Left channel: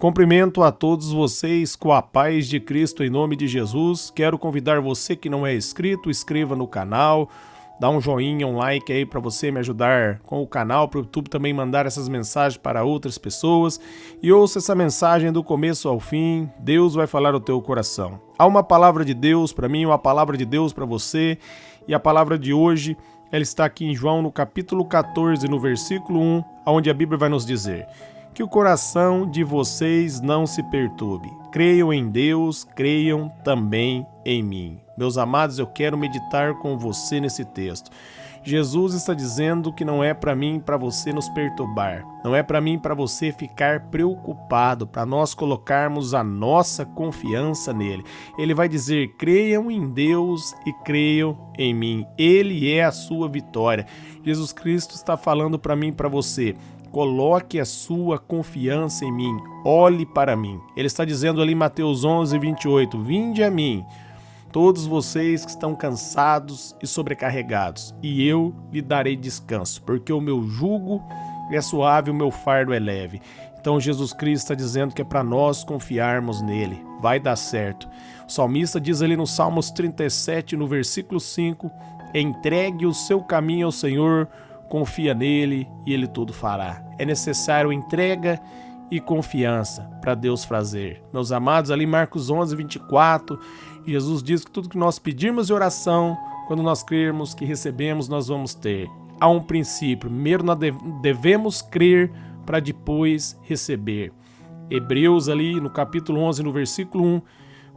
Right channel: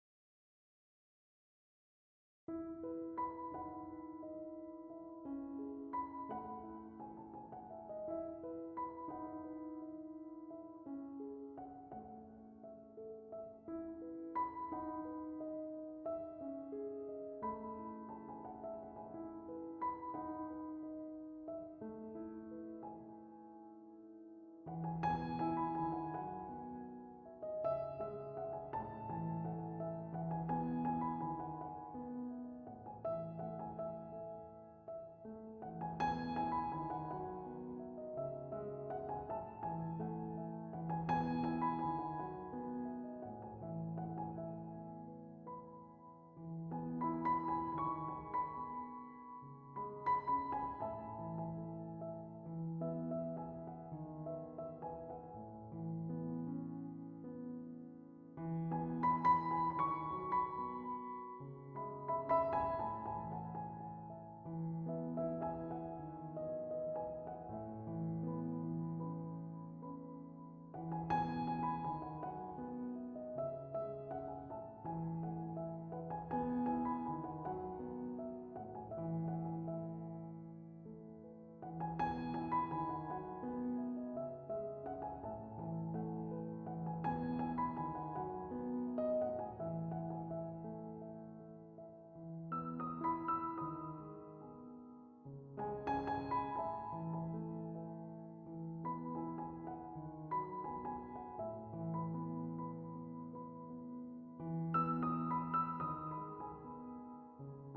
Cumprimento a todos vocês com a paz de Cristo em nome de Jesus. Quero convidar você que não é inscrito, inscreva no canal, dá um joinha, um like aí para você me ajudar com o canal, para o YouTube também mandar essas mensagens para outras pessoas. E ouça essa mensagem do começo ao fim, Deus vai falar ao teu coração. Há uma palavra de Deus para mim, uma palavra de Deus para você, e a palavra de hoje, ela está aqui em João no capítulo 14, no versículo 1, onde a Bíblia vai nos dizer: que o coração de vocês não se perturbe. Creiam em Deus, creiam também em mim. Meus amados, eu quero meditar com você nesse texto. Jesus está dizendo que não é para mim e para você nos perturbar. Não é para mim e para você ficar preocupado, para nós colocarmos a nossa confiança nele. Ele vai dizer: creiam em Deus e creiam em mim. Ele é a sua vitória. Jesus Cristo está falando para mim e para você: coloque a sua confiança em mim, olhe para mim. Ele está dizendo ali em Mateus 11, 28, vinde a mim, todos vocês que estão cansados e sobrecarregados, e eu lhe darei descanso, porque o meu jugo é suave, o meu fardo é leve. Então Jesus Cristo está dizendo que é para nós confiarmos nele, vai dar certo. O salmista diz ali no Salmos 37, no versículo 5, entregue o seu caminho ao Senhor, confia nele e ele tudo fará. É necessário entrega e confiança para Deus fazer. Meus amados, ali em Marcos 11, 24, Jesus diz que tudo que nós pedirmos de oração, quando nós crermos que recebemos, nós vamos ter. Há um princípio: primeiro nós devemos crer para depois receber. Hebreus ali no capítulo 11, no versículo 1,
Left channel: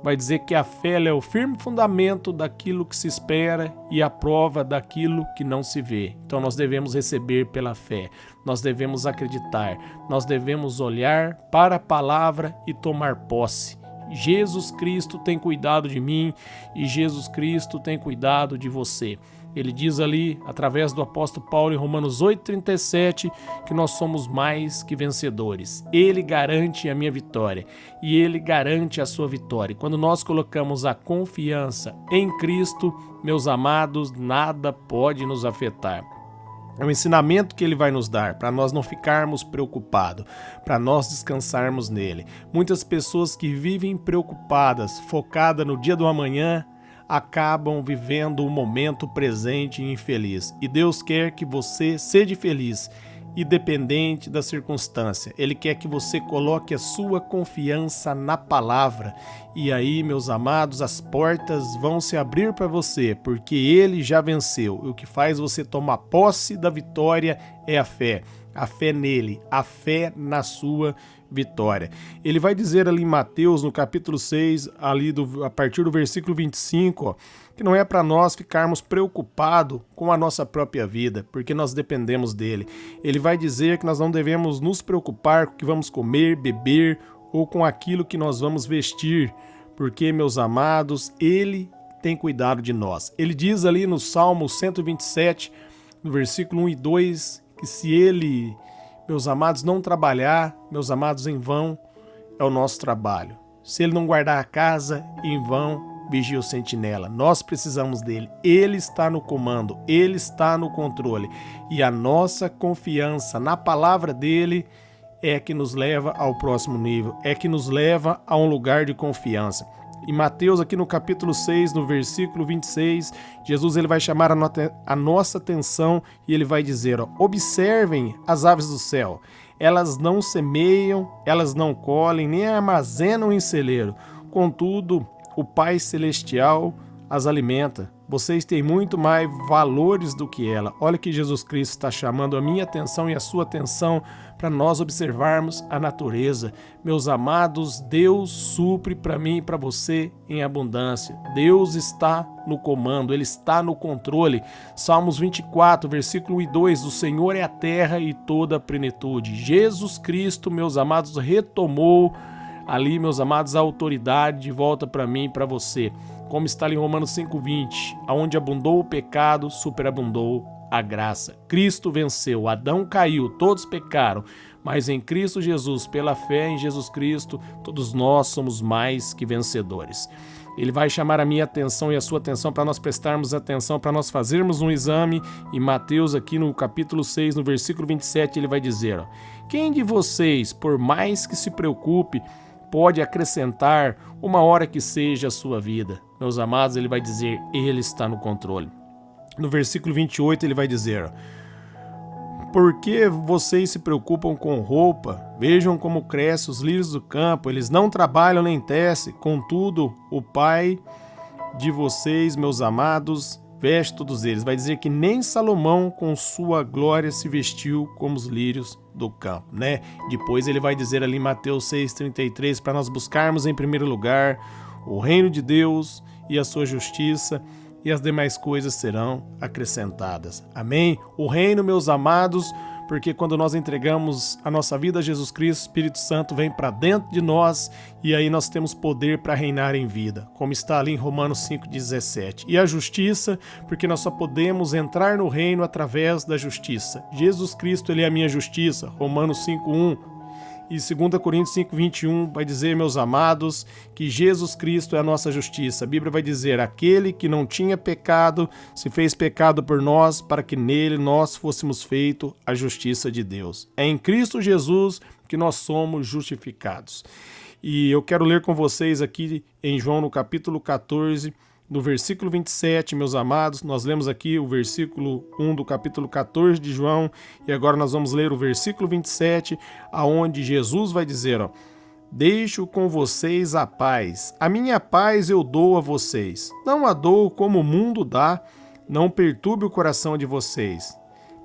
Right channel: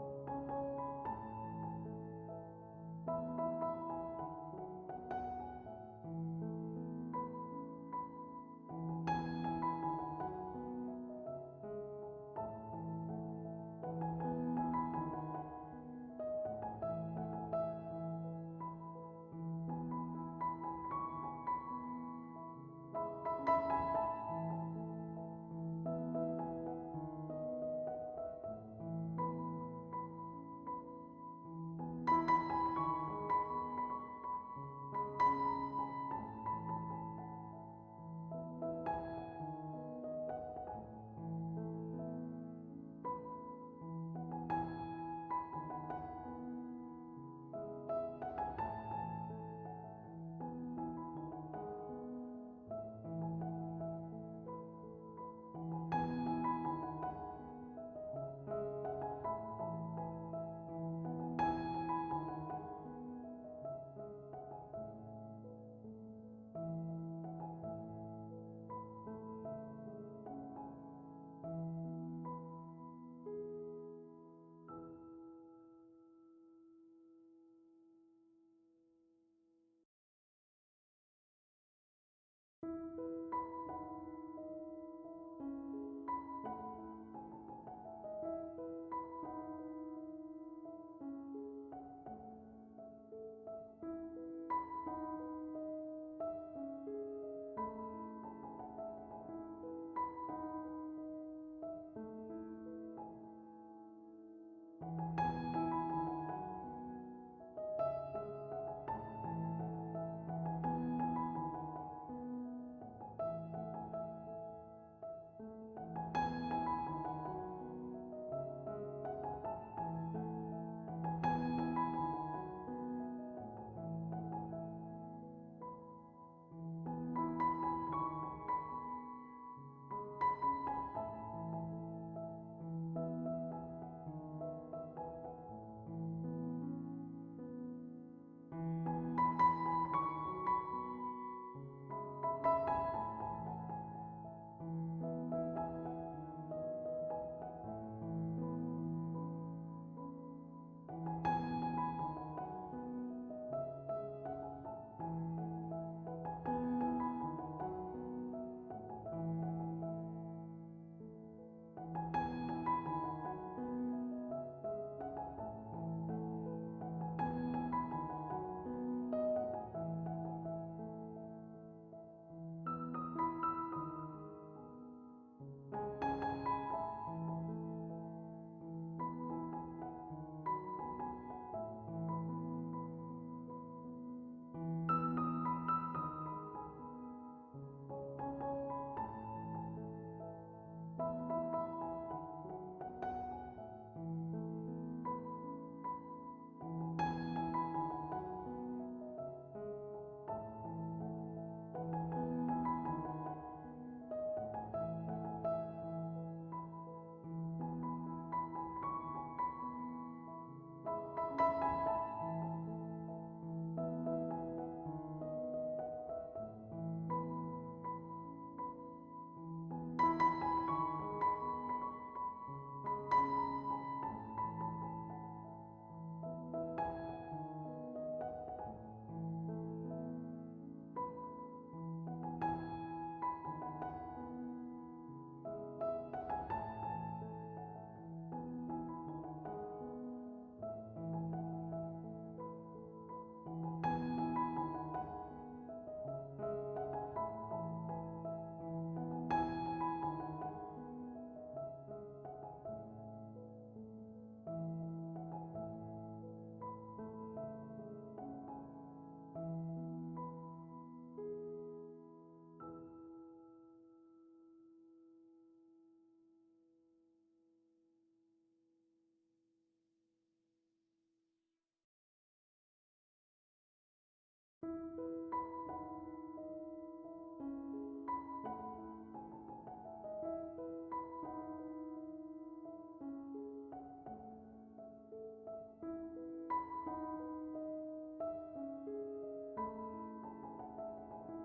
vai dizer que a fé é o firme fundamento daquilo que se espera e a prova daquilo que não se vê. Então nós devemos receber pela fé, nós devemos acreditar, nós devemos olhar para a palavra e tomar posse. Jesus Cristo tem cuidado de mim e Jesus Cristo tem cuidado de você. Ele diz ali, através do apóstolo Paulo em Romanos 8,37, que nós somos mais que vencedores. Ele garante a minha vitória e Ele garante a sua vitória. Quando nós colocamos a confiança em Cristo, meus amados, nada pode nos afetar. É um ensinamento que ele vai nos dar para nós não ficarmos preocupados, para nós descansarmos nele. Muitas pessoas que vivem preocupadas, focadas no dia do amanhã, acabam vivendo o momento presente infeliz. E Deus quer que você seja feliz, independente da circunstância. Ele quer que você coloque a sua confiança na palavra. E aí, meus amados, as portas vão se abrir para você, porque Ele já venceu. E o que faz você tomar posse da vitória é a fé. A fé nele, a fé na sua vitória. Ele vai dizer ali em Mateus, no capítulo 6, ali a partir do versículo 25, ó, que não é para nós ficarmos preocupados com a nossa própria vida, porque nós dependemos dele. Ele vai dizer que nós não devemos nos preocupar com o que vamos comer, beber ou com aquilo que nós vamos vestir, porque, meus amados, ele tem cuidado de nós. Ele diz ali no Salmo 127, no versículo 1 e 2, que se ele, meus amados, não trabalhar, meus amados, em vão é o nosso trabalho. Se ele não guardar a casa, em vão vigia o sentinela. Nós precisamos dele. Ele está no comando, ele está no controle. E a nossa confiança na palavra dele é que nos leva ao próximo nível, é que nos leva a um lugar de confiança. Em Mateus, aqui no capítulo 6, no versículo 26, Jesus ele vai chamar a nossa atenção e ele vai dizer, ó, observem as aves do céu, elas não semeiam, elas não colhem, nem armazenam em celeiro, contudo, o Pai Celestial as alimenta. Vocês têm muito mais valores do que ela. Olha que Jesus Cristo está chamando a minha atenção e a sua atenção para nós observarmos a natureza. Meus amados, Deus supre para mim e para você em abundância. Deus está no comando, Ele está no controle. Salmos 24, versículo 1 e 2, o Senhor é a terra e toda a plenitude. Jesus Cristo, meus amados, retomou ali, meus amados, a autoridade de volta para mim e para você. Como está ali em Romanos 5,20, aonde abundou o pecado, superabundou a graça. Cristo venceu, Adão caiu, todos pecaram, mas em Cristo Jesus, pela fé em Jesus Cristo, todos nós somos mais que vencedores. Ele vai chamar a minha atenção e a sua atenção para nós prestarmos atenção, para nós fazermos um exame. Em Mateus, aqui no capítulo 6, no versículo 27, ele vai dizer, ó, Quem de vocês, por mais que se preocupe, pode acrescentar uma hora que seja a sua vida? Meus amados, ele vai dizer, ele está no controle. No versículo 28 ele vai dizer, por que vocês se preocupam com roupa? Vejam como crescem os lírios do campo, eles não trabalham nem tecem, contudo, o Pai de vocês, meus amados, veste todos eles. Vai dizer que nem Salomão com sua glória se vestiu como os lírios do campo, né? Depois ele vai dizer ali em Mateus 6,33 para nós buscarmos em primeiro lugar o reino de Deus e a sua justiça, e as demais coisas serão acrescentadas. Amém? O reino, meus amados, porque quando nós entregamos a nossa vida a Jesus Cristo, o Espírito Santo vem para dentro de nós e aí nós temos poder para reinar em vida, como está ali em Romanos 5,17. E a justiça, porque nós só podemos entrar no reino através da justiça. Jesus Cristo, ele é a minha justiça, Romanos 5,1. E 2 Coríntios 5,21 vai dizer, meus amados, que Jesus Cristo é a nossa justiça. A Bíblia vai dizer, aquele que não tinha pecado se fez pecado por nós, para que nele nós fôssemos feitos a justiça de Deus. É em Cristo Jesus que nós somos justificados. E eu quero ler com vocês aqui em João, no capítulo 14, no versículo 27, meus amados. Nós lemos aqui o versículo 1 do capítulo 14 de João, e agora nós vamos ler o versículo 27, aonde Jesus vai dizer, ó, deixo com vocês a paz, a minha paz eu dou a vocês, não a dou como o mundo dá, não perturbe o coração de vocês,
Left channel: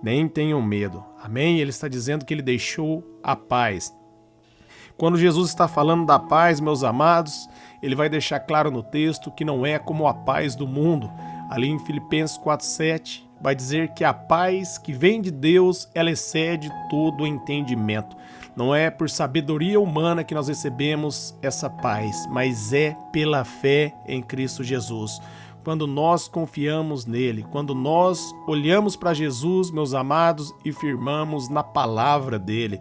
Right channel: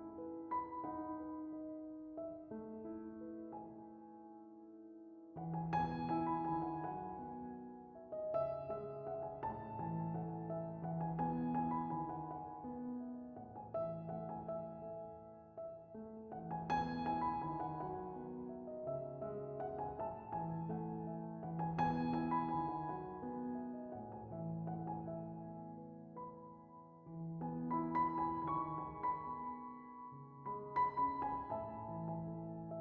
nem tenham medo. Amém? Ele está dizendo que ele deixou a paz. Quando Jesus está falando da paz, meus amados, ele vai deixar claro no texto que não é como a paz do mundo. Ali em Filipenses 4,7 vai dizer que a paz que vem de Deus, ela excede todo o entendimento. Não é por sabedoria humana que nós recebemos essa paz, mas é pela fé em Cristo Jesus. Quando nós confiamos nele, quando nós olhamos para Jesus, meus amados, e firmamos na palavra dele,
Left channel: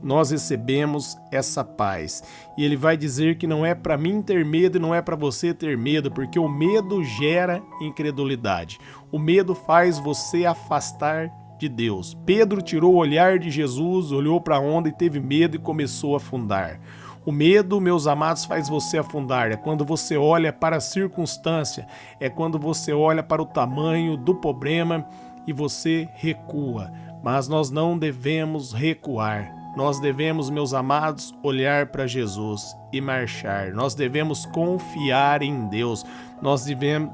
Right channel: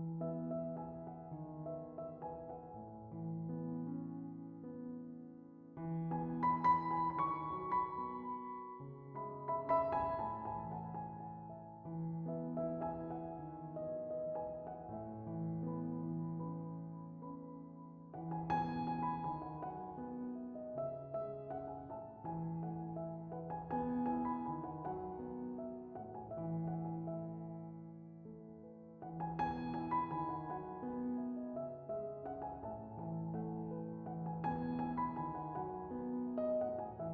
nós recebemos essa paz. E ele vai dizer que não é para mim ter medo e não é para você ter medo, porque o medo gera incredulidade. O medo faz você afastar de Deus. Pedro tirou o olhar de Jesus, olhou para a onda e teve medo e começou a afundar. O medo, meus amados, faz você afundar. É quando você olha para a circunstância, é quando você olha para o tamanho do problema e você recua. Mas nós não devemos recuar. Nós devemos, meus amados, olhar para Jesus e marchar. Nós devemos confiar em Deus. Nós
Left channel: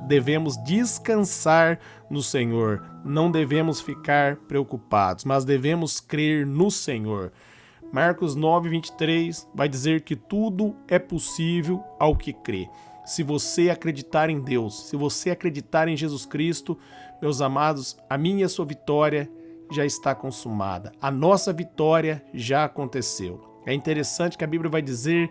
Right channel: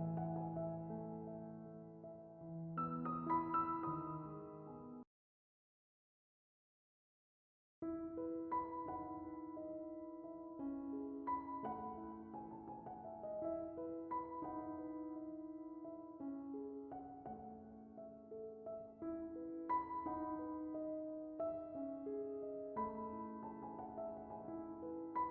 devemos descansar no Senhor. Não devemos ficar preocupados, mas devemos crer no Senhor. Marcos 9:23 vai dizer que tudo é possível ao que crê. Se você acreditar em Deus, se você acreditar em Jesus Cristo, meus amados, a minha e a sua vitória já está consumada. A nossa vitória já aconteceu. É interessante que a Bíblia vai dizer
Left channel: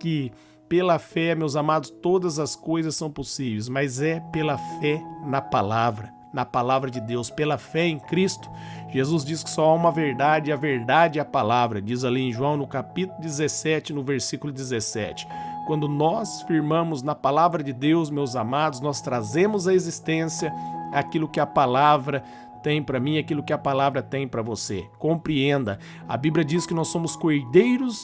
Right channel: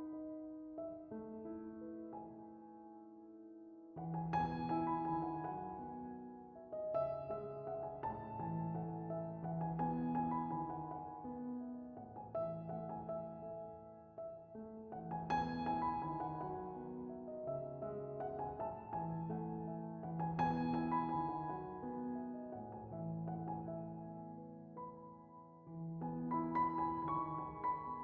que pela fé, meus amados, todas as coisas são possíveis, mas é pela fé na palavra de Deus, pela fé em Cristo. Jesus diz que só há uma verdade, e a verdade é a palavra, diz ali em João no capítulo 17, no versículo 17. Quando nós firmamos na palavra de Deus, meus amados, nós trazemos à existência aquilo que a palavra tem para mim, aquilo que a palavra tem para você. Compreenda, a Bíblia diz que nós somos cordeiros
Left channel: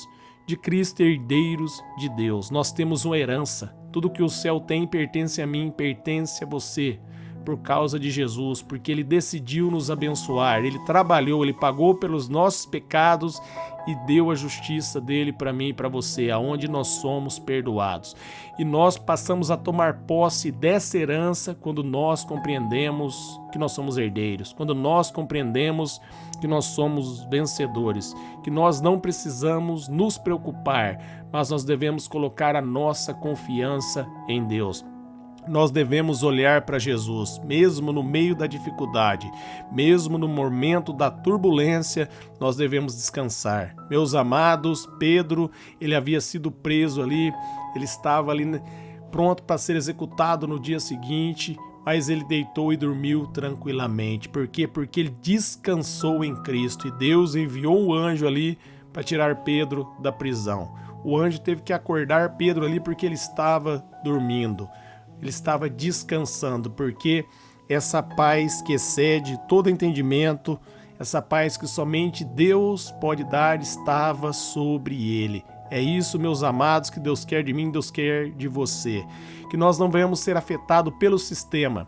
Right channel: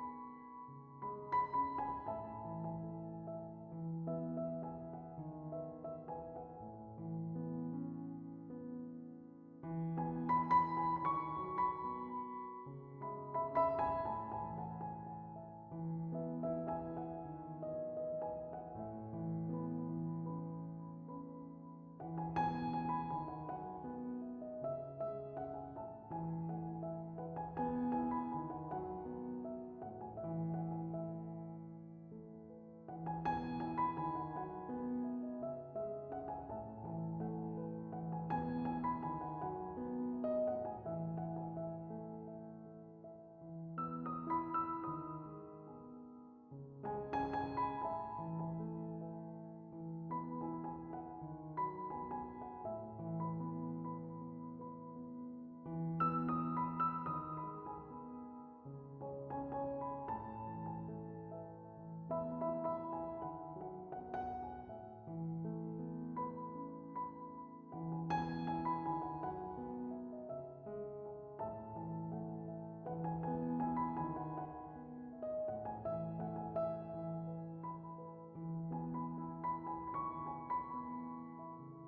de Cristo, herdeiros de Deus. Nós temos uma herança. Tudo que o céu tem pertence a mim, pertence a você, por causa de Jesus, porque ele decidiu nos abençoar, ele trabalhou, ele pagou pelos nossos pecados e deu a justiça dele para mim e para você, aonde nós somos perdoados. E nós passamos a tomar posse dessa herança quando nós compreendemos que nós somos herdeiros, quando nós compreendemos que nós somos vencedores, que nós não precisamos nos preocupar, mas nós devemos colocar a nossa confiança em Deus. Nós devemos olhar para Jesus, mesmo no meio da dificuldade, mesmo no momento da turbulência, nós devemos descansar. Meus amados, Pedro, ele havia sido preso ali, ele estava ali pronto para ser executado no dia seguinte, mas ele deitou e dormiu tranquilamente. Por quê? Porque ele descansou em Cristo e Deus enviou um anjo ali para tirar Pedro da prisão. O anjo teve que acordar Pedro ali porque ele estava dormindo. Ele estava descansando, porque essa paz que excede todo entendimento, essa paz que somente Deus pode dar estava sobre ele. É isso, meus amados, que Deus quer de mim, Deus quer de você. Que nós não venhamos ser afetados pelo sistema,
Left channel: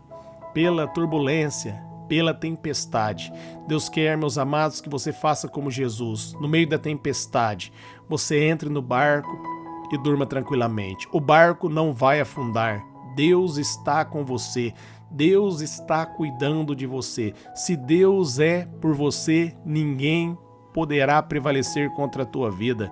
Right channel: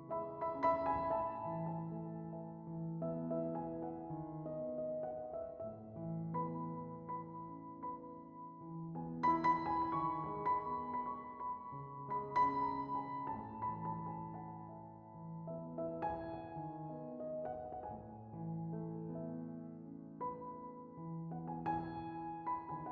pela turbulência, pela tempestade. Deus quer, meus amados, que você faça como Jesus. No meio da tempestade, você entre no barco e durma tranquilamente. O barco não vai afundar. Deus está com você. Deus está cuidando de você. Se Deus é por você, ninguém poderá prevalecer contra a tua vida.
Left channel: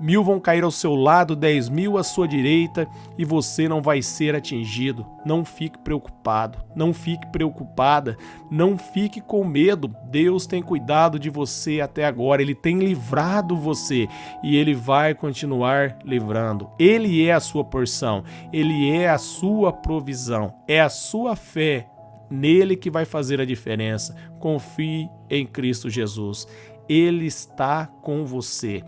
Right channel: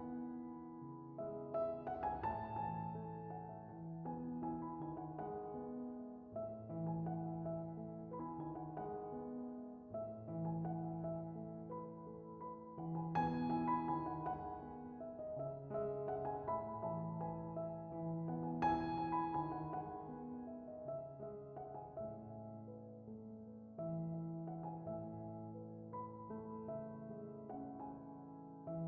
1000 vão cair ao seu lado, 10.000 à sua direita e você não vai ser atingido. Não fique preocupado, não fique preocupada, não fique com medo. Deus tem cuidado de você até agora, Ele tem livrado você e Ele vai continuar livrando. Ele é a sua porção, Ele é a sua provisão, é a sua fé nele que vai fazer a diferença. Confie em Cristo Jesus, Ele está com você.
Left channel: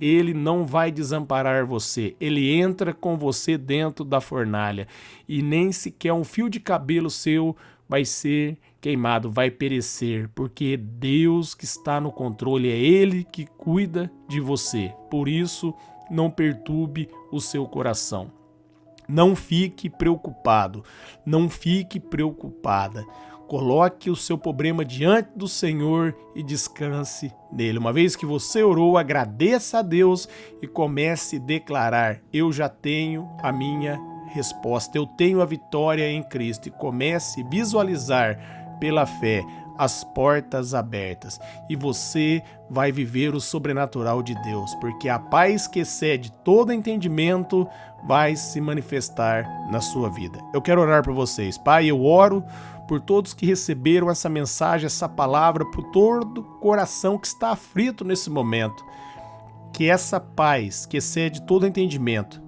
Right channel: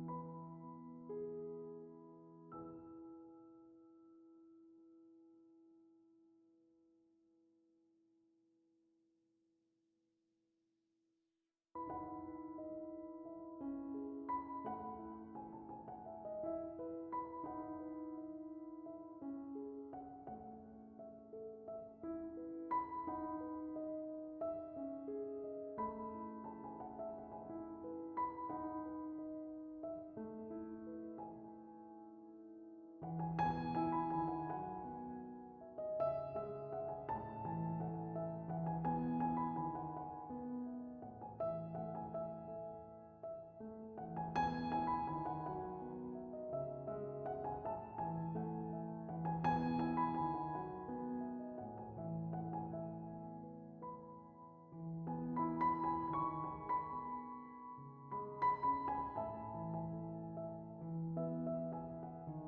Ele não vai desamparar você, ele entra com você dentro da fornalha e nem sequer um fio de cabelo seu vai ser queimado, vai perecer, porque é Deus que está no controle, é Ele que cuida de você. Por isso, não perturbe o seu coração. Não fique preocupado, não fique preocupada. Coloque o seu problema diante do Senhor e descanse nele. Uma vez que você orou, agradeça a Deus e comece a declarar: eu já tenho a minha resposta, eu tenho a vitória em Cristo. E comece a visualizar pela fé as portas abertas. E você vai viver o sobrenatural de Deus, porque a paz que excede todo entendimento vai se manifestar na sua vida. Eu quero orar por vocês. Pai, eu oro por todos que receberam essa mensagem, essa palavra, por todo coração que está aflito nesse momento. Que essa paz, que excede todo entendimento,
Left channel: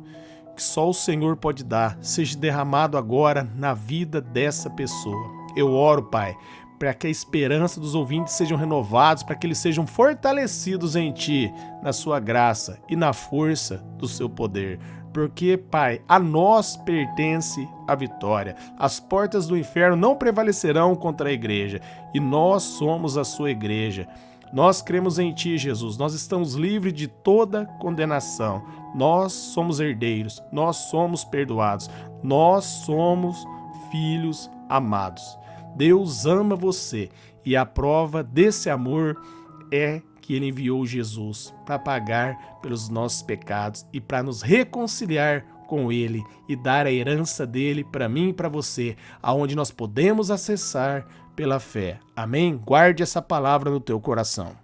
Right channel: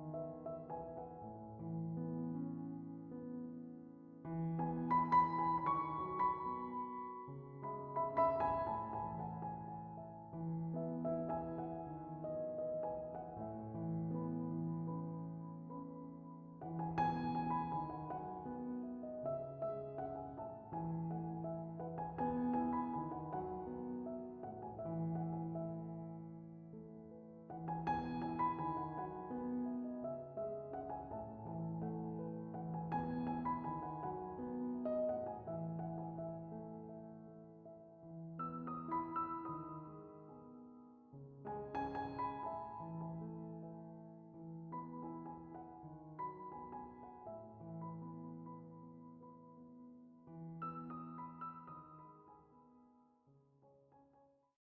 que só o Senhor pode dar, seja derramado agora na vida dessa pessoa. Eu oro, Pai, para que a esperança dos ouvintes sejam renovados, para que eles sejam fortalecidos em Ti, na Sua graça e na força do Seu poder. Porque, Pai, a nós pertence a vitória. As portas do inferno não prevalecerão contra a igreja. E nós somos a sua igreja. Nós cremos em Ti, Jesus. Nós estamos livres de toda condenação. Nós somos herdeiros. Nós somos perdoados. Nós somos filhos amados. Deus ama você. E a prova desse amor é que Ele enviou Jesus para pagar pelos nossos pecados e para nos reconciliar com Ele e dar a herança dele para mim e para você, aonde nós podemos acessar pela fé. Amém? Guarde essa palavra no teu coração.